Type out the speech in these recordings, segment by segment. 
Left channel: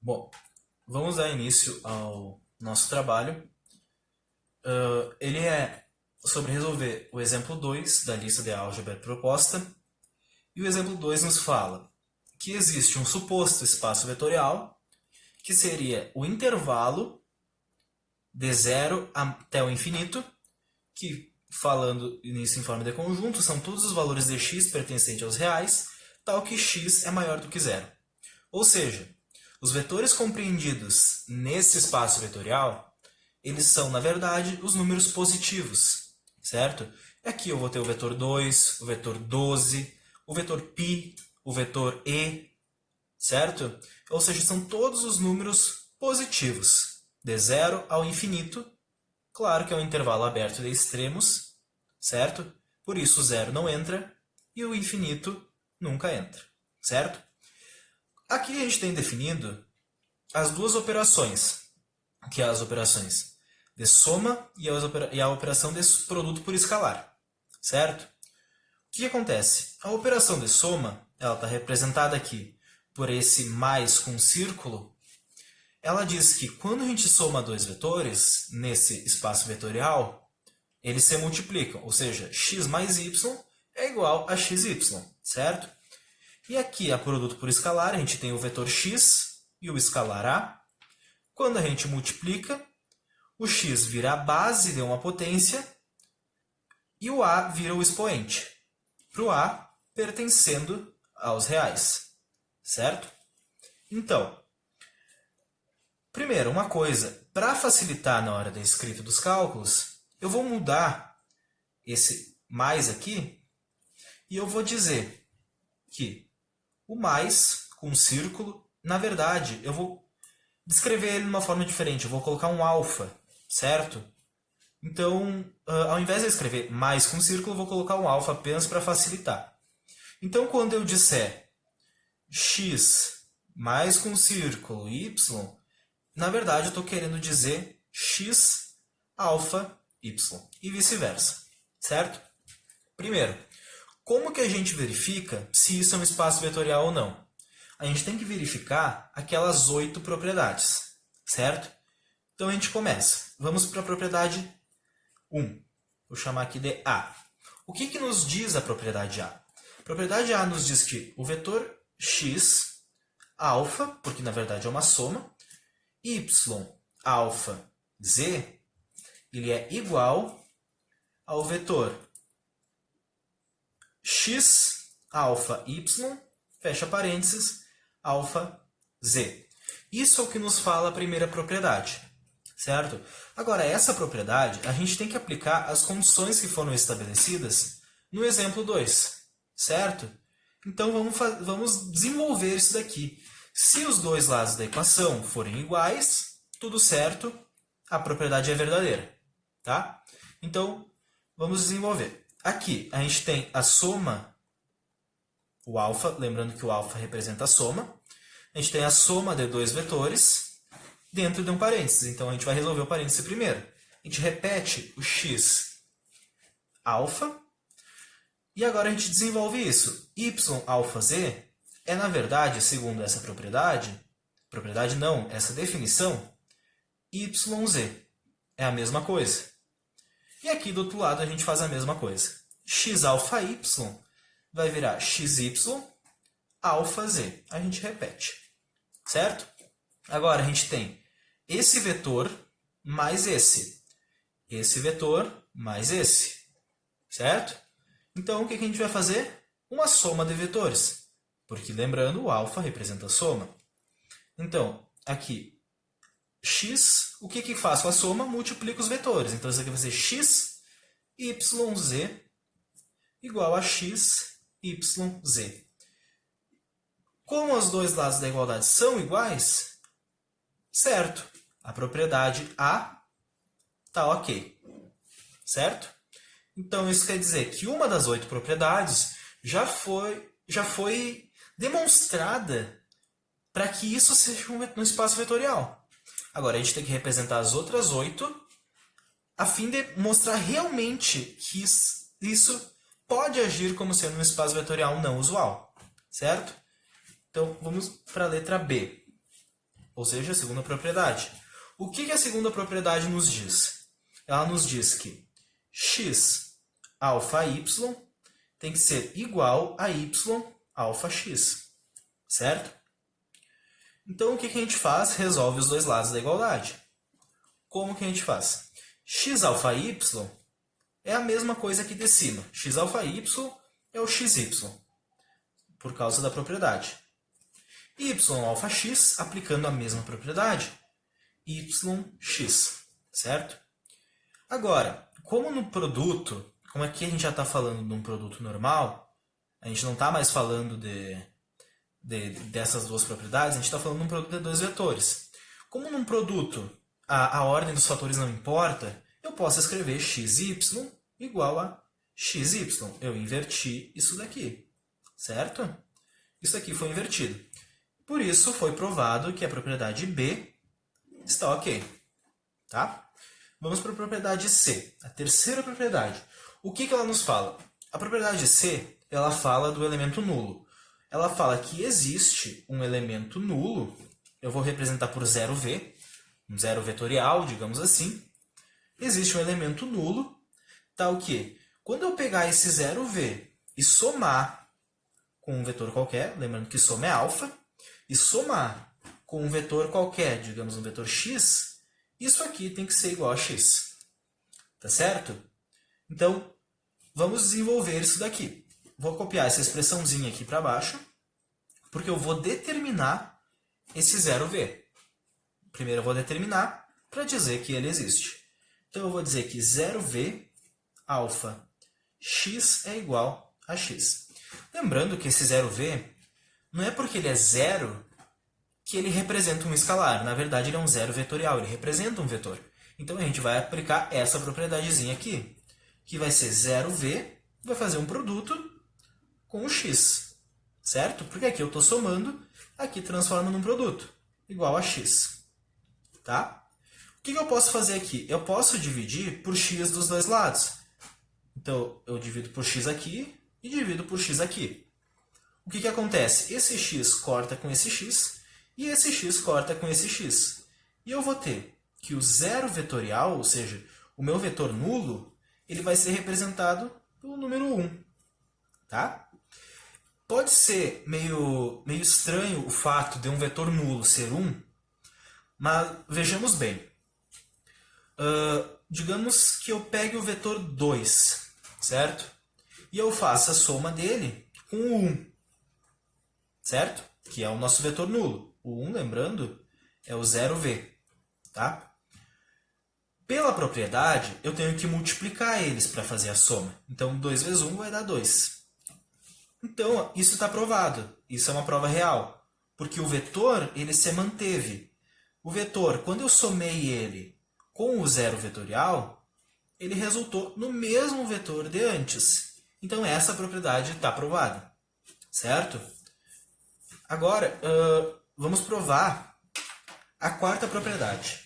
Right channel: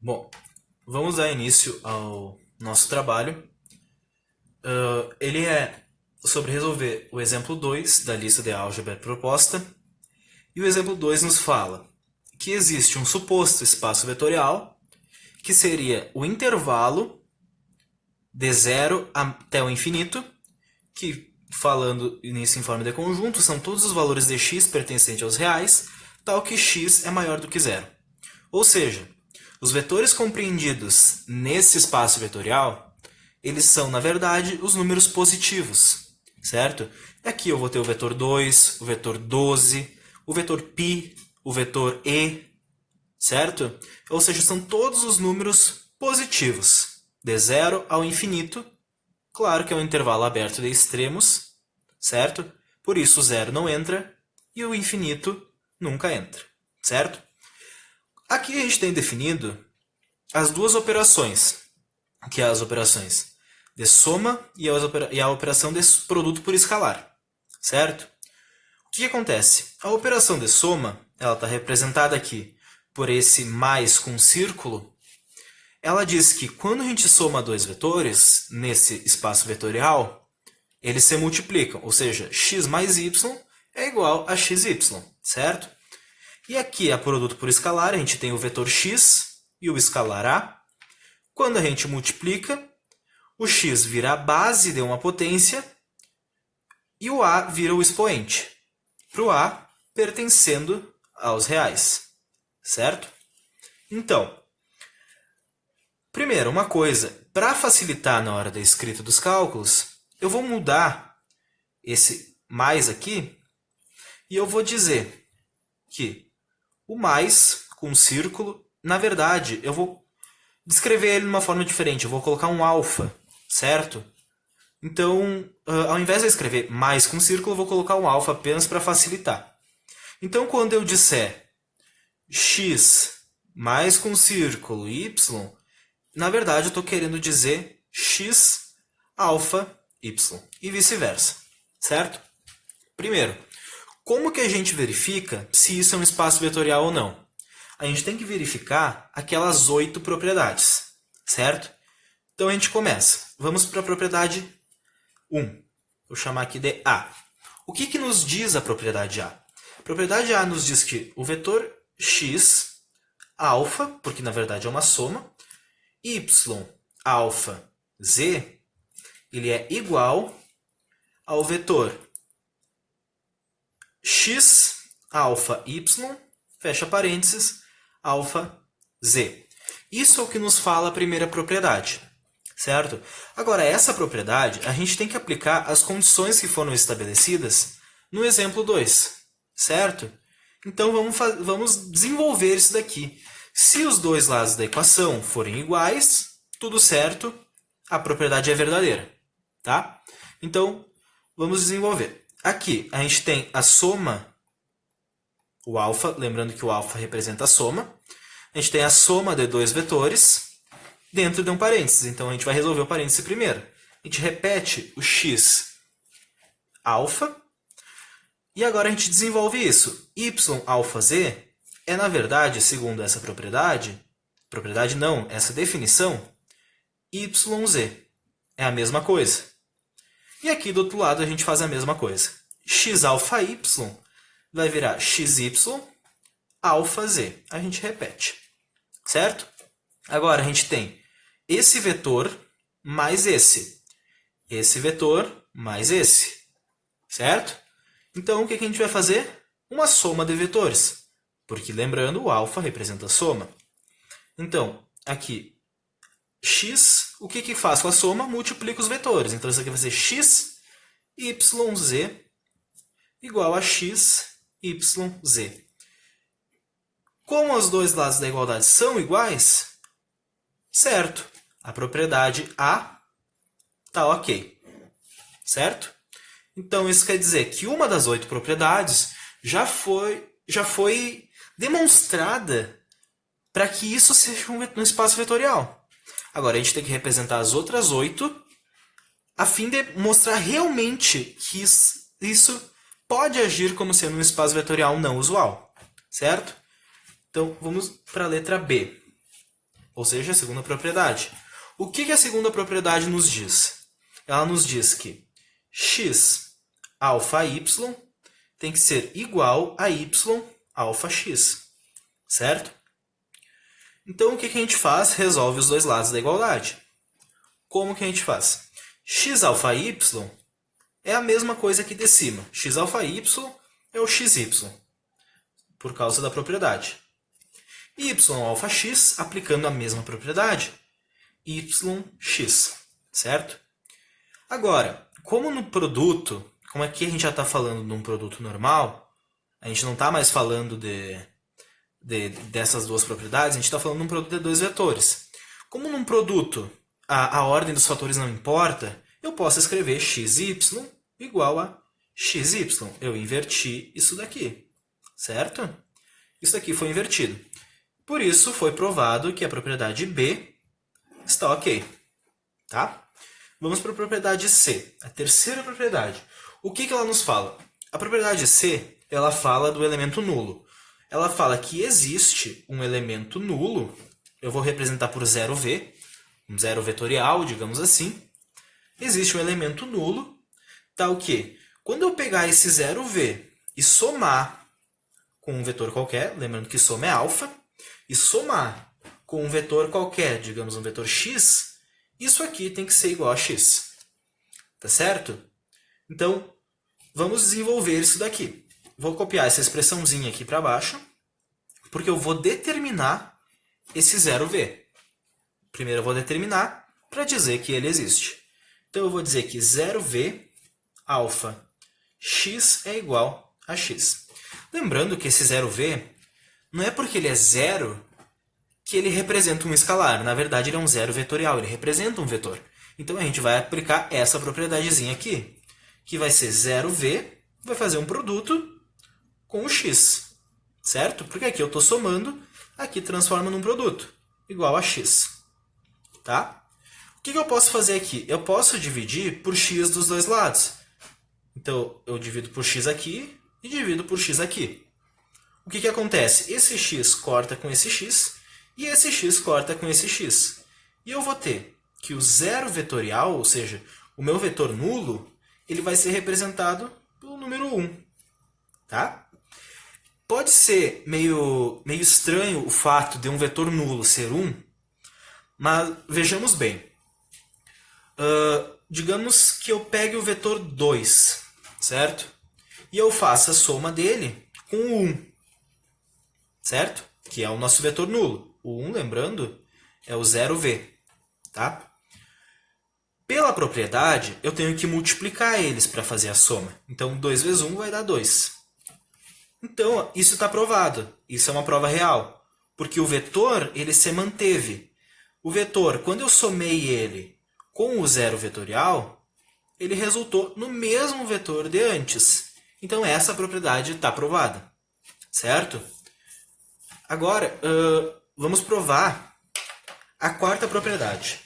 Bom, vamos dar início ao nosso trabalho. Ele é sobre resolver o exemplo 2 da lista de álgebra proposta. E o exemplo 2 nos fala que existe um suposto espaço vetorial, que seria o intervalo de zero até o infinito, que, falando nisso em forma de conjunto, são todos os valores de x pertencentes aos reais, tal que x é maior do que zero. Ou seja, os vetores compreendidos nesse espaço vetorial, eles são, na verdade, os números positivos, certo? Aqui eu vou ter o vetor 2, o vetor 12, o vetor π, o vetor e, certo? Ou seja, são todos os números positivos, de zero ao infinito. Claro que é um intervalo aberto de extremos, certo? Por isso o zero não entra e o infinito nunca entra, certo? Aqui a gente tem definido as duas operações, que é as operações de soma e a operação de produto por escalar, certo? O que acontece? A operação de soma, ela está representada aqui por esse mais com um círculo. Ela diz que quando a gente soma dois vetores nesse espaço vetorial, eles se multiplicam, ou seja, x mais y é igual a xy, certo? E aqui, a produto por escalar, a gente tem o vetor x e o escalar a. Quando a gente multiplica, o x vira a base de uma potência e o a vira o expoente, para o a pertencendo aos reais, certo? Então, primeiro, uma coisa, para facilitar na hora da escrita dos cálculos, eu vou mudar esse mais aqui e eu vou dizer que o mais com um círculo, na verdade, eu vou descrever ele de uma forma diferente. Eu vou colocar um alfa, certo? Então, ao invés de eu escrever mais com círculo, eu vou colocar um alfa apenas para facilitar. Então, quando eu disser x mais com círculo y, na verdade eu estou querendo dizer x alfa y e vice-versa, certo? Primeiro, como que a gente verifica se isso é um espaço vetorial ou não? A gente tem que verificar aquelas 8 propriedades, certo? Então a gente começa. Vamos para a propriedade 1. Vou chamar aqui de A. O que nos diz a propriedade A? A propriedade A nos diz que o vetor x alfa, porque na verdade é uma soma, y alfa z, ele é igual ao vetor x alfa y, fecha parênteses, alfa z. Isso é o que nos fala a primeira propriedade, certo? Agora, essa propriedade, a gente tem que aplicar as condições que foram estabelecidas no exemplo 2, certo? Então, vamos desenvolver isso daqui. Se os dois lados da equação forem iguais, tudo certo, a propriedade é verdadeira, tá? Então, vamos desenvolver. Aqui, a gente tem a soma, o alfa, lembrando que o alfa representa a soma. A gente tem a soma de dois vetores dentro de um parênteses. Então, a gente vai resolver o parênteses primeiro. A gente repete o x alfa. E agora a gente desenvolve isso. Y alfa z é, na verdade, segundo essa propriedade não, essa definição, yz. É a mesma coisa. E aqui do outro lado a gente faz a mesma coisa. X alfa y vai virar xy alfa z. A gente repete, certo? Agora a gente tem esse vetor mais esse vetor mais esse, certo? Então o que a gente vai fazer? Uma soma de vetores, porque lembrando, o alfa representa a soma. Então, aqui, x, o que faz com a soma? Multiplica os vetores. Então isso aqui vai ser x yz igual a x yz. Como os dois lados da igualdade são iguais, certo, a propriedade A está ok, certo? Então isso quer dizer que uma das 8 propriedades já foi demonstrada para que isso seja um espaço vetorial. Agora a gente tem que representar as outras 8 a fim de mostrar realmente que isso pode agir como sendo um espaço vetorial não usual, certo? Então, vamos para a letra B. ou seja, a segunda propriedade. O que a segunda propriedade nos diz? Ela nos diz que x alfa y tem que ser igual a y alfa x, certo? Então, o que a gente faz? Resolve os dois lados da igualdade. Como que a gente faz? X alfa y é a mesma coisa aqui de cima. X alfa y é o xy, por causa da propriedade. Y alfa x, aplicando a mesma propriedade, yx, certo? Agora, como no produto, como aqui a gente já está falando de um produto normal, a gente não está mais falando dessas duas propriedades, a gente está falando de um produto de dois vetores. Como num produto a ordem dos fatores não importa, eu posso escrever xy igual a xy. Eu inverti isso daqui, certo? Isso daqui foi invertido. Por isso, foi provado que a propriedade B está ok. Tá? Vamos para a propriedade C, a terceira propriedade. O que ela nos fala? A propriedade C, ela fala do elemento nulo. Ela fala que existe um elemento nulo, eu vou representar por 0v, um zero vetorial, digamos assim. Existe um elemento nulo, tá o quê? Quando eu pegar esse 0v e somar com um vetor qualquer, lembrando que soma é alfa, e somar com um vetor qualquer, digamos um vetor x, isso aqui tem que ser igual a x. Tá certo? Então, vamos desenvolver isso daqui. Vou copiar essa expressãozinha aqui para baixo, porque eu vou determinar esse 0v. Primeiro eu vou determinar para dizer que ele existe. Então, eu vou dizer que 0v alfa x é igual a x. Lembrando que esse 0v não é porque ele é zero que ele representa um escalar. Na verdade, ele é um zero vetorial, ele representa um vetor. Então, a gente vai aplicar essa propriedadezinha aqui, que vai ser 0v, vai fazer um produto com o x, certo? Porque aqui eu estou somando, aqui transforma num produto, igual a x. Tá? O que eu posso fazer aqui? Eu posso dividir por x dos dois lados. Então, eu divido por x aqui e divido por x aqui. O que acontece? Esse x corta com esse x e esse x corta com esse x. E eu vou ter que o zero vetorial, ou seja, o meu vetor nulo, ele vai ser representado pelo número 1. Tá? Pode ser meio estranho o fato de um vetor nulo ser 1, mas vejamos bem. Digamos que eu pegue o vetor 2, certo? E eu faça a soma dele com o 1, certo? Que é o nosso vetor nulo. O 1, lembrando, é o 0v. Tá? Pela propriedade, eu tenho que multiplicar eles para fazer a soma. Então, 2 vezes 1 vai dar 2. Então, isso está provado. Isso é uma prova real. Porque o vetor, ele se manteve. O vetor, quando eu somei ele com o zero vetorial, ele resultou no mesmo vetor de antes. Então, essa propriedade está provada. Certo? Agora, vamos provar a quarta propriedade.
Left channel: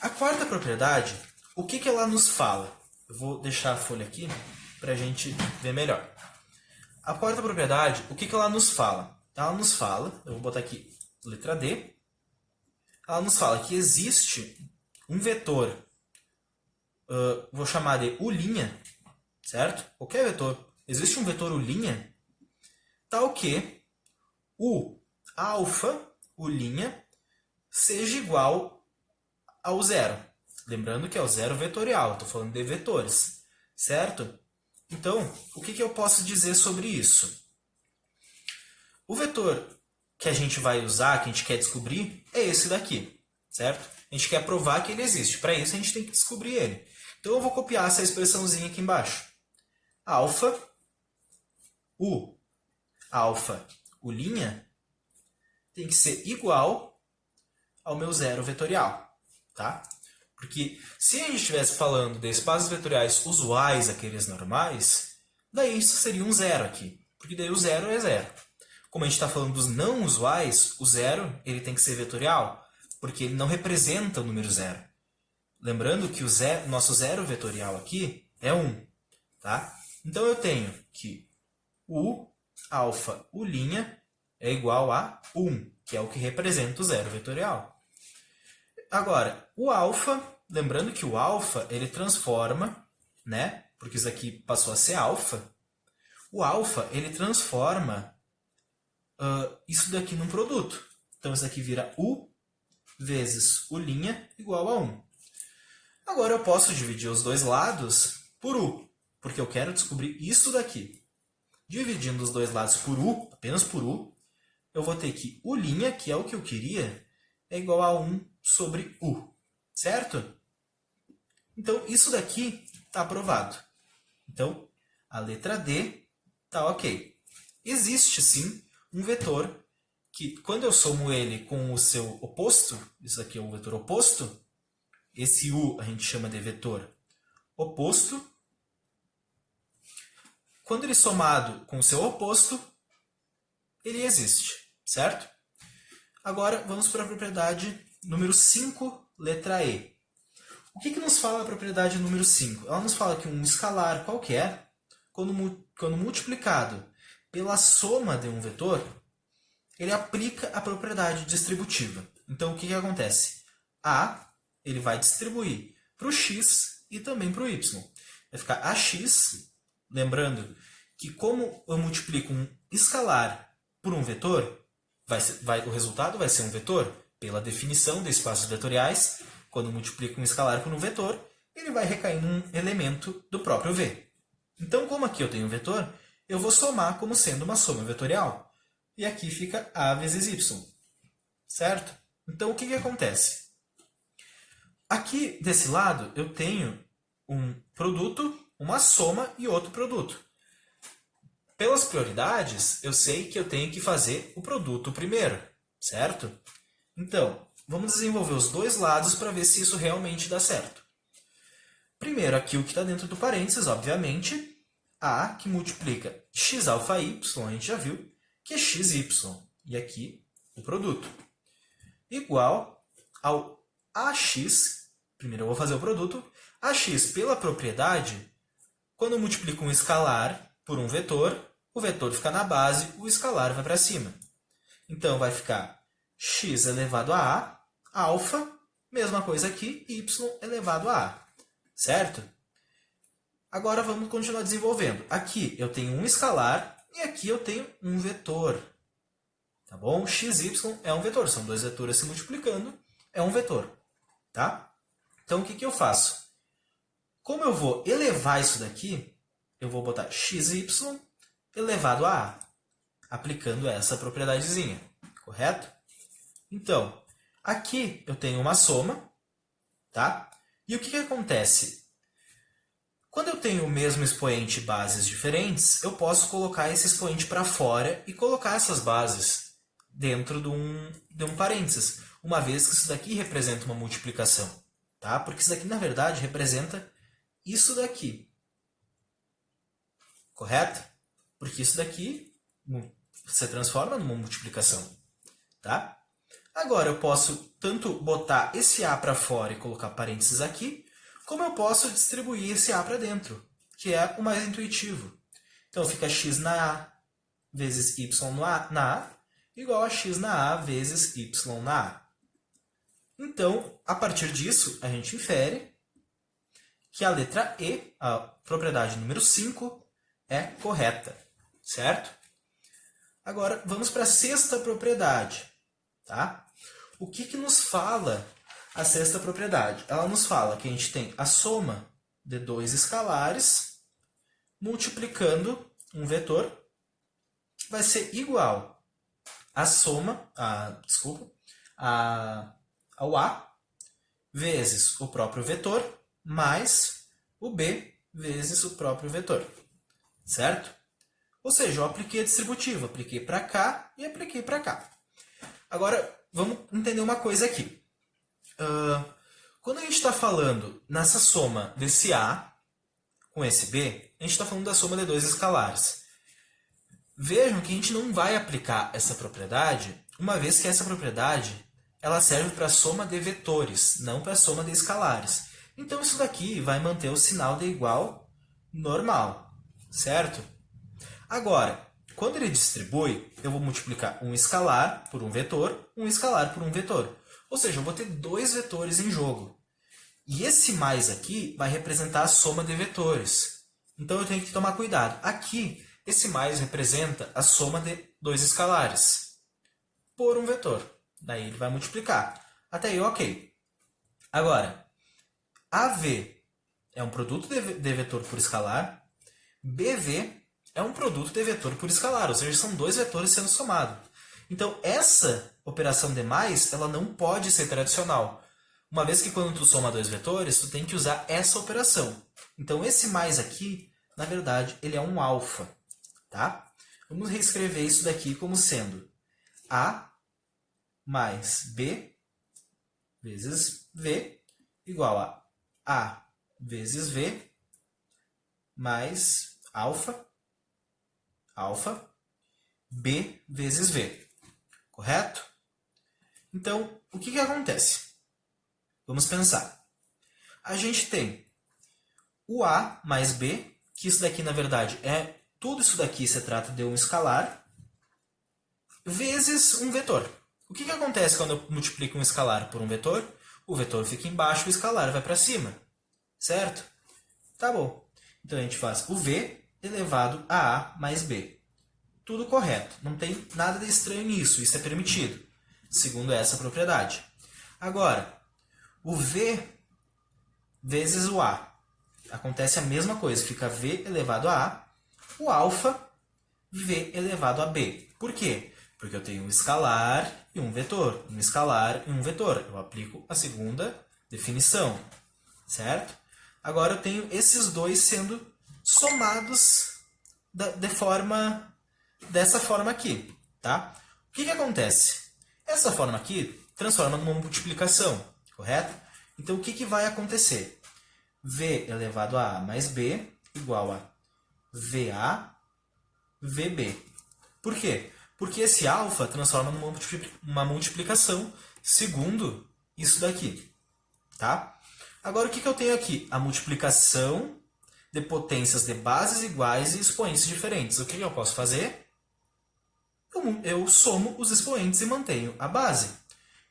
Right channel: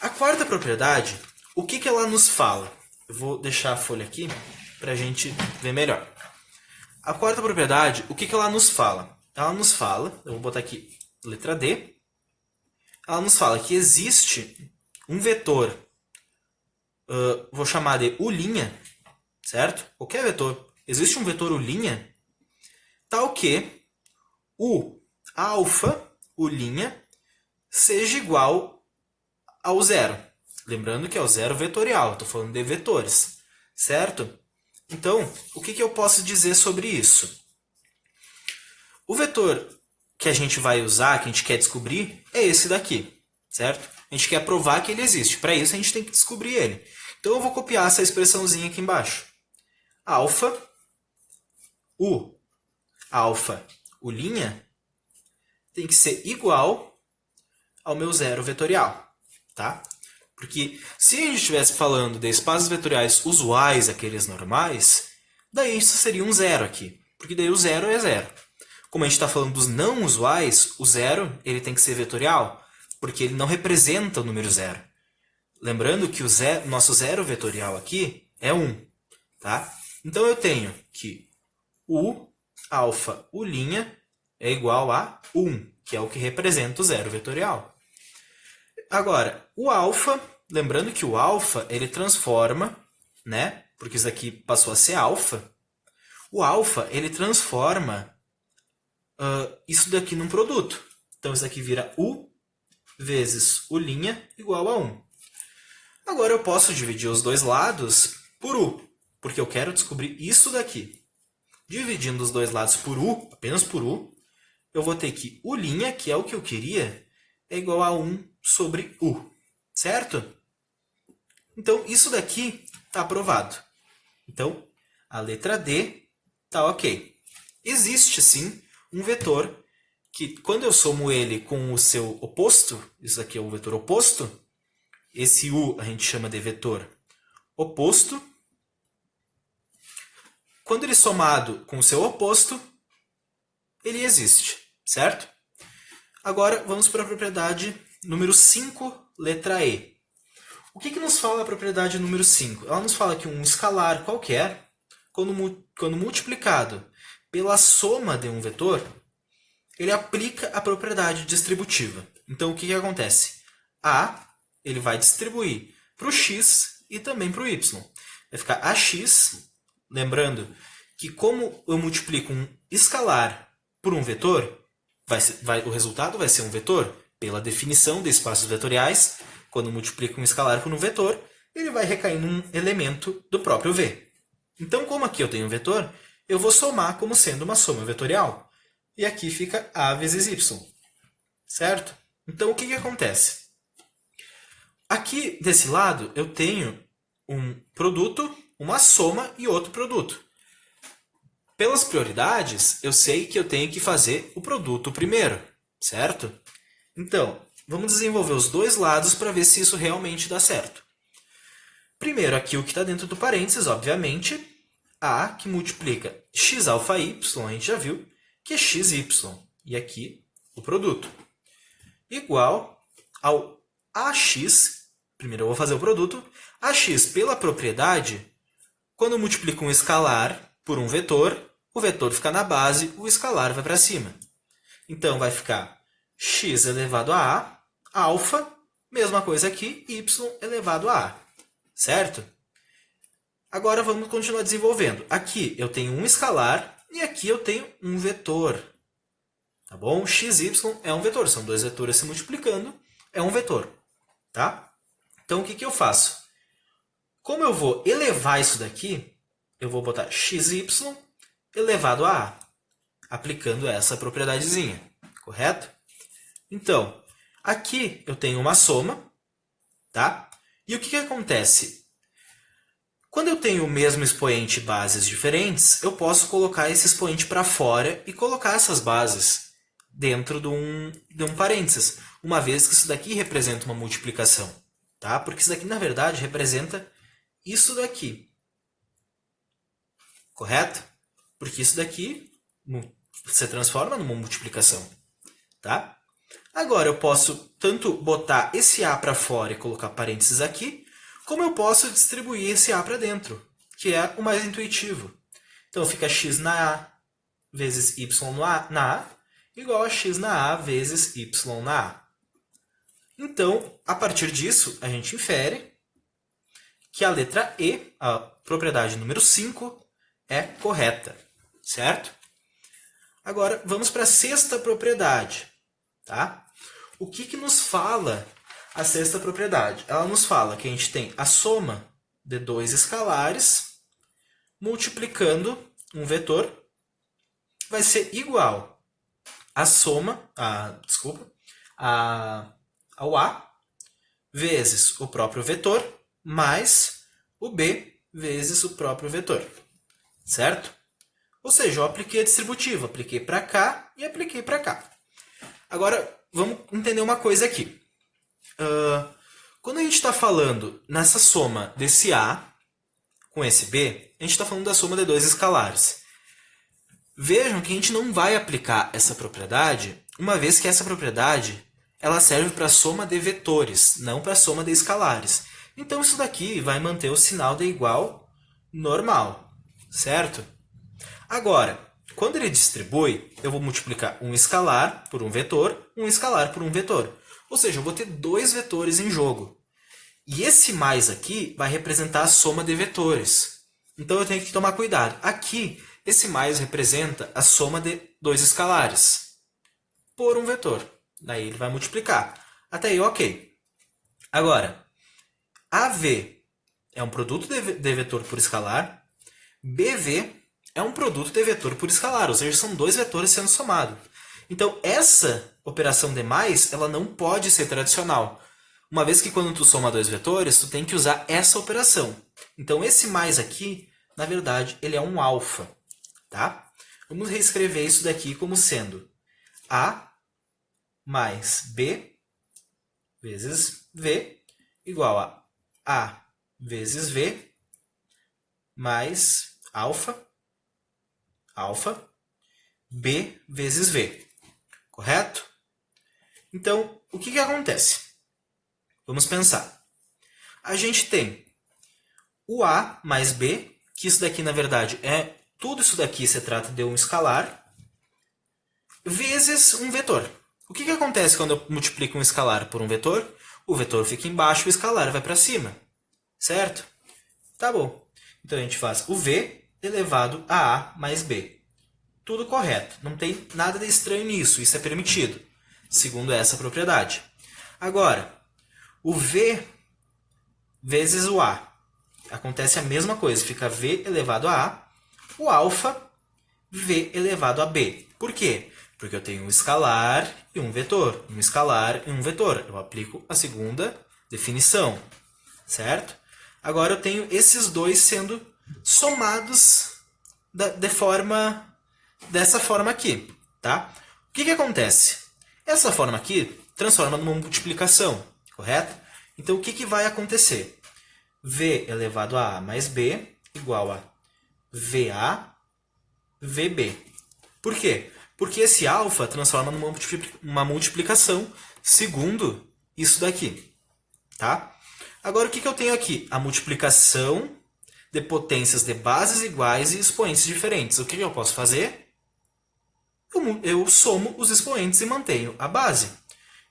A quarta propriedade, o que ela nos fala? Eu vou deixar a folha aqui para a gente ver melhor. A quarta propriedade, o que ela nos fala? Ela nos fala, eu vou botar aqui letra D, ela nos fala que existe um vetor, vou chamar de U', certo? Qualquer vetor. Existe um vetor U', tal que o alfa, U', seja igual ao zero. Lembrando que é o zero vetorial, estou falando de vetores, certo? Então, o que eu posso dizer sobre isso? O vetor que a gente vai usar, que a gente quer descobrir, é esse daqui, certo? A gente quer provar que ele existe. Para isso, a gente tem que descobrir ele. Então, eu vou copiar essa expressãozinha aqui embaixo. Alfa, U U' tem que ser igual ao meu zero vetorial. Tá? Porque se a gente estivesse falando de espaços vetoriais usuais, aqueles normais, daí isso seria um zero aqui. Porque daí o zero é zero. Como a gente está falando dos não usuais, o zero ele tem que ser vetorial, porque ele não representa o número zero. Lembrando que o nosso zero vetorial aqui é 1. Tá? Então eu tenho que U alfa U' é igual a 1, que é o que representa o zero vetorial. Agora, o alfa, lembrando que o alfa ele transforma, né? Porque isso aqui passou a ser alfa. O alfa ele transforma isso daqui num produto. Então isso aqui vira U vezes U' igual a 1. Agora eu posso dividir os dois lados por U, porque eu quero descobrir isso daqui. Dividindo os dois lados por U, apenas por U, eu vou ter que U', que é o que eu queria, é igual a 1 sobre U, certo? Então, isso daqui está aprovado. Então, a letra D está ok. Existe, sim, um vetor que, quando eu somo ele com o seu oposto, isso aqui é o vetor oposto, esse U a gente chama de vetor oposto. Quando ele é somado com o seu oposto, ele existe, certo? Agora, vamos para a propriedade número 5, letra E. O que nos fala a propriedade número 5? Ela nos fala que um escalar qualquer, quando multiplicado pela soma de um vetor, ele aplica a propriedade distributiva. Então, o que acontece? A ele vai distribuir para o x e também para o y. Vai ficar ax, lembrando que como eu multiplico um escalar por um vetor, o resultado vai ser um vetor. Pela definição de espaços vetoriais, quando multiplico um escalar por um vetor, ele vai recair num elemento do próprio v. Então, como aqui eu tenho um vetor, eu vou somar como sendo uma soma vetorial. E aqui fica a vezes y. Certo? Então, o que acontece? Aqui, desse lado, eu tenho um produto, uma soma e outro produto. Pelas prioridades, eu sei que eu tenho que fazer o produto primeiro, certo? Então, vamos desenvolver os dois lados para ver se isso realmente dá certo. Primeiro, aqui o que está dentro do parênteses, obviamente, A, que multiplica xalfa y, a gente já viu, que é xy. E aqui, o produto. Igual ao ax, primeiro eu vou fazer o produto, ax pela propriedade, quando eu multiplico um escalar por um vetor, o vetor fica na base, o escalar vai para cima. Então, vai ficar x elevado a A, alfa, mesma coisa aqui, y elevado a A. Certo? Agora, vamos continuar desenvolvendo. Aqui eu tenho um escalar e aqui eu tenho um vetor. Tá bom? x, y é um vetor. São dois vetores se multiplicando. É um vetor. Tá? Então, o que eu faço? Como eu vou elevar isso daqui, eu vou botar xy elevado a A, aplicando essa propriedadezinha. Correto? Então, aqui eu tenho uma soma. Tá? E o que acontece? Quando eu tenho o mesmo expoente e bases diferentes, eu posso colocar esse expoente para fora e colocar essas bases dentro de um parênteses, uma vez que isso daqui representa uma multiplicação. Tá? Porque isso daqui, na verdade, representa isso daqui. Correto? Porque isso daqui se transforma numa multiplicação. Tá? Agora, eu posso tanto botar esse A para fora e colocar parênteses aqui, como eu posso distribuir esse A para dentro, que é o mais intuitivo. Então, fica x na A vezes y na A, igual a x na A vezes y na A. Então, a partir disso, a gente infere que a letra E, a propriedade número 5, é correta. Certo? Agora, vamos para a sexta propriedade. Tá? O que nos fala a sexta propriedade? Ela nos fala que a gente tem a soma de dois escalares multiplicando um vetor vai ser igual à soma, ao A vezes o próprio vetor mais o B vezes o próprio vetor. Certo? Ou seja, eu apliquei a distributiva, apliquei para cá e apliquei para cá. Agora, vamos entender uma coisa aqui. Quando a gente está falando nessa soma desse A com esse B, a gente está falando da soma de dois escalares. Vejam que a gente não vai aplicar essa propriedade, uma vez que essa propriedade ela serve para a soma de vetores, não para a soma de escalares. Então, isso daqui vai manter o sinal de igual normal, certo? Agora, quando ele distribui, eu vou multiplicar um escalar por um escalar por um vetor. Ou seja, eu vou ter dois vetores em jogo. E esse mais aqui vai representar a soma de vetores. Então eu tenho que tomar cuidado. Aqui, esse mais representa a soma de dois escalares por um vetor. Daí ele vai multiplicar. Até aí, ok. Agora, AV é um produto de vetor por escalar. BV é um produto de vetor por escalar, ou seja, são dois vetores sendo somados. Então, essa operação de mais, ela não pode ser tradicional. Uma vez que quando tu soma dois vetores, tu tem que usar essa operação. Então, esse mais aqui, na verdade, ele é um alfa. Tá? Vamos reescrever isso daqui como sendo A mais B vezes V igual a A vezes V mais alfa B vezes V. Correto? Então, o que acontece? Vamos pensar. A gente tem o A mais B, que isso daqui, na verdade, tudo isso daqui se trata de um escalar, vezes um vetor. O que acontece quando eu multiplico um escalar por um vetor? O vetor fica embaixo e o escalar vai para cima. Certo? Tá bom. Então, a gente faz o V elevado a A mais B. Tudo correto. Não tem nada de estranho nisso. Isso é permitido, segundo essa propriedade. Agora, o V vezes o A. Acontece a mesma coisa. Fica V elevado a A. O alfa, V elevado a B. Por quê? Porque eu tenho um escalar e um vetor. Um escalar e um vetor. Eu aplico a segunda definição. Certo? Agora eu tenho esses dois sendo somados dessa forma aqui. Tá? O que acontece? Essa forma aqui transforma numa multiplicação. Correto? Então o que vai acontecer? V elevado a A mais B igual a VA, VB. Por quê? Porque esse alfa transforma numa multiplicação segundo isso daqui. Tá? Agora, o que eu tenho aqui? A multiplicação de potências de bases iguais e expoentes diferentes. O que eu posso fazer? Eu somo os expoentes e mantenho a base.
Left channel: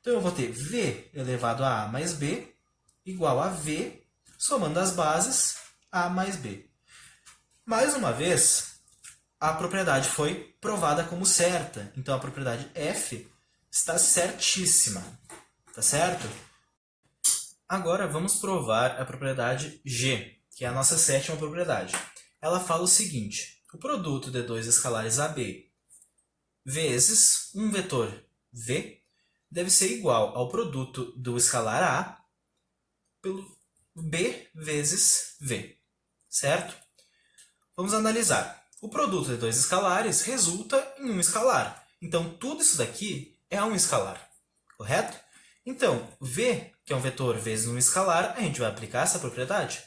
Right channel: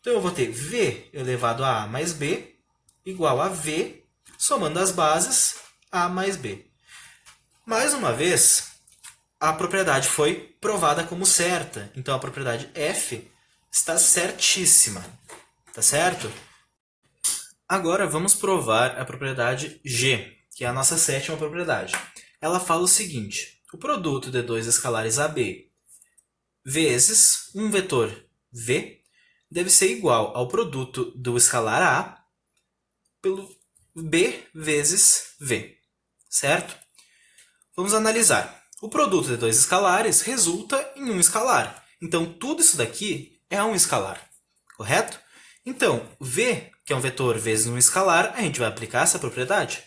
Então, eu vou ter V elevado a A mais B igual a V, somando as bases, A mais B. Mais uma vez, a propriedade foi provada como certa. Então, a propriedade F está certíssima. Tá certo? Agora, vamos provar a propriedade G, que é a nossa sétima propriedade. Ela fala o seguinte: o produto de dois escalares AB vezes um vetor V deve ser igual ao produto do escalar A pelo B vezes V. Certo? Vamos analisar. O produto de dois escalares resulta em um escalar. Então, tudo isso daqui é um escalar. Correto? Então, V, que é um vetor vezes um escalar, a gente vai aplicar essa propriedade.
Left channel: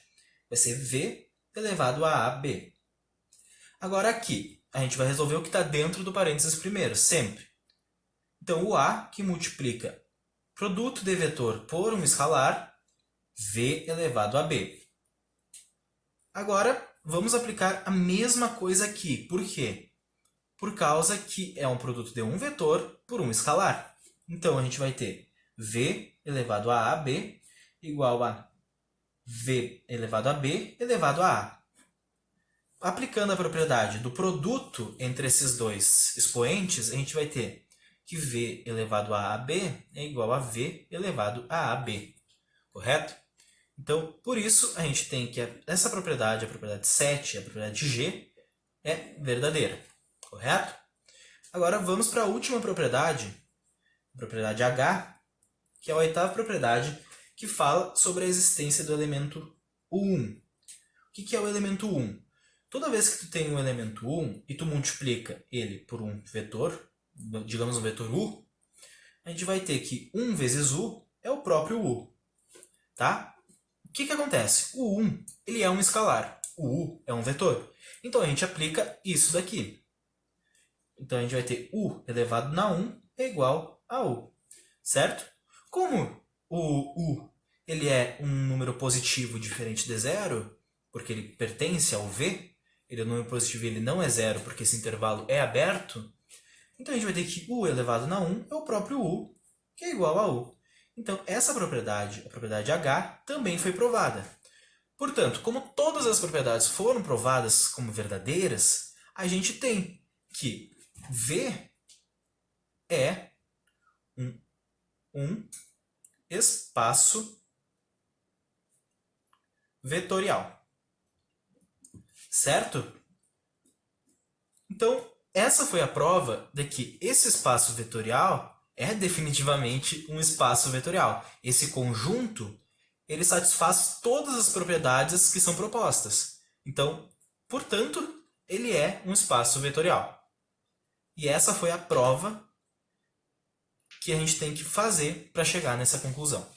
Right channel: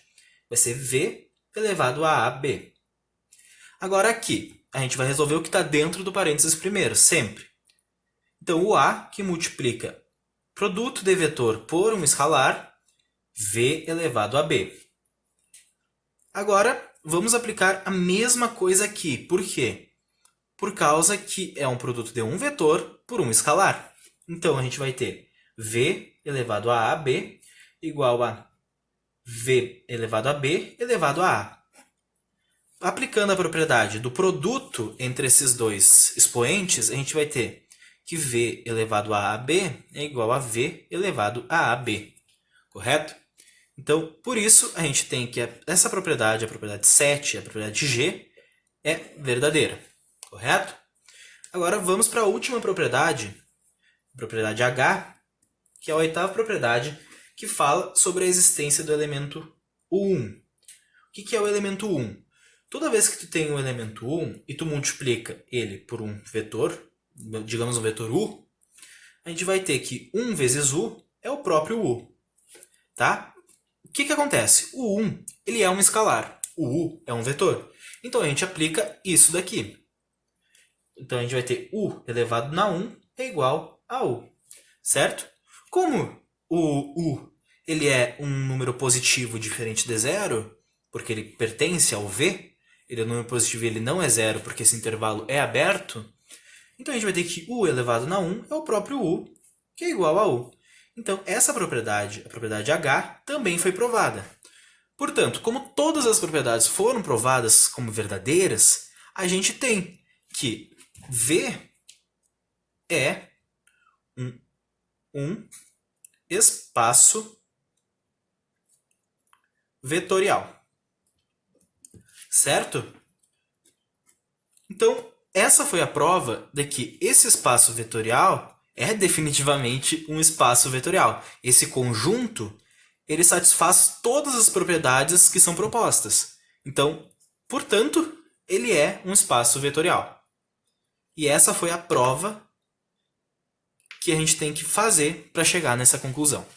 Vai ser V elevado a AB. Agora aqui, a gente vai resolver o que está dentro do parênteses primeiro, sempre. Então, o A, que multiplica produto de vetor por um escalar, V elevado a B. Agora, vamos aplicar a mesma coisa aqui. Por quê? Por causa que é um produto de um vetor por um escalar. Então, a gente vai ter V elevado a AB igual a V elevado a B elevado a A. Aplicando a propriedade do produto entre esses dois expoentes, a gente vai ter que V elevado a AB é igual a V elevado a AB. Correto? Então, por isso, a gente tem que essa propriedade, a propriedade 7, a propriedade G, é verdadeira. Correto? Agora, vamos para a última propriedade, a propriedade H, que é a oitava propriedade, que fala sobre a existência do elemento U1. O que é o elemento U1? Toda vez que tu tem um elemento U1 e tu multiplica ele por um vetor, digamos um vetor U, a gente vai ter que 1 vezes U é o próprio U. Tá? O que acontece? O 1 ele é um escalar, o U é um vetor. Então, a gente aplica isso daqui. Então, a gente vai ter U elevado na 1 é igual a U. Certo? Como o U ele é um número positivo diferente de zero, porque ele pertence ao V, ele é um número positivo e ele não é zero porque esse intervalo é aberto, então a gente vai ter que u elevado na 1 é o próprio u, que é igual a u. Então, essa propriedade, a propriedade H, também foi provada. Portanto, como todas as propriedades foram provadas como verdadeiras, a gente tem que V é um espaço vetorial. Certo? Então, essa foi a prova de que esse espaço vetorial é definitivamente um espaço vetorial. Esse conjunto, ele satisfaz todas as propriedades que são propostas. Então, portanto, ele é um espaço vetorial. E essa foi a prova que a gente tem que fazer para chegar nessa conclusão.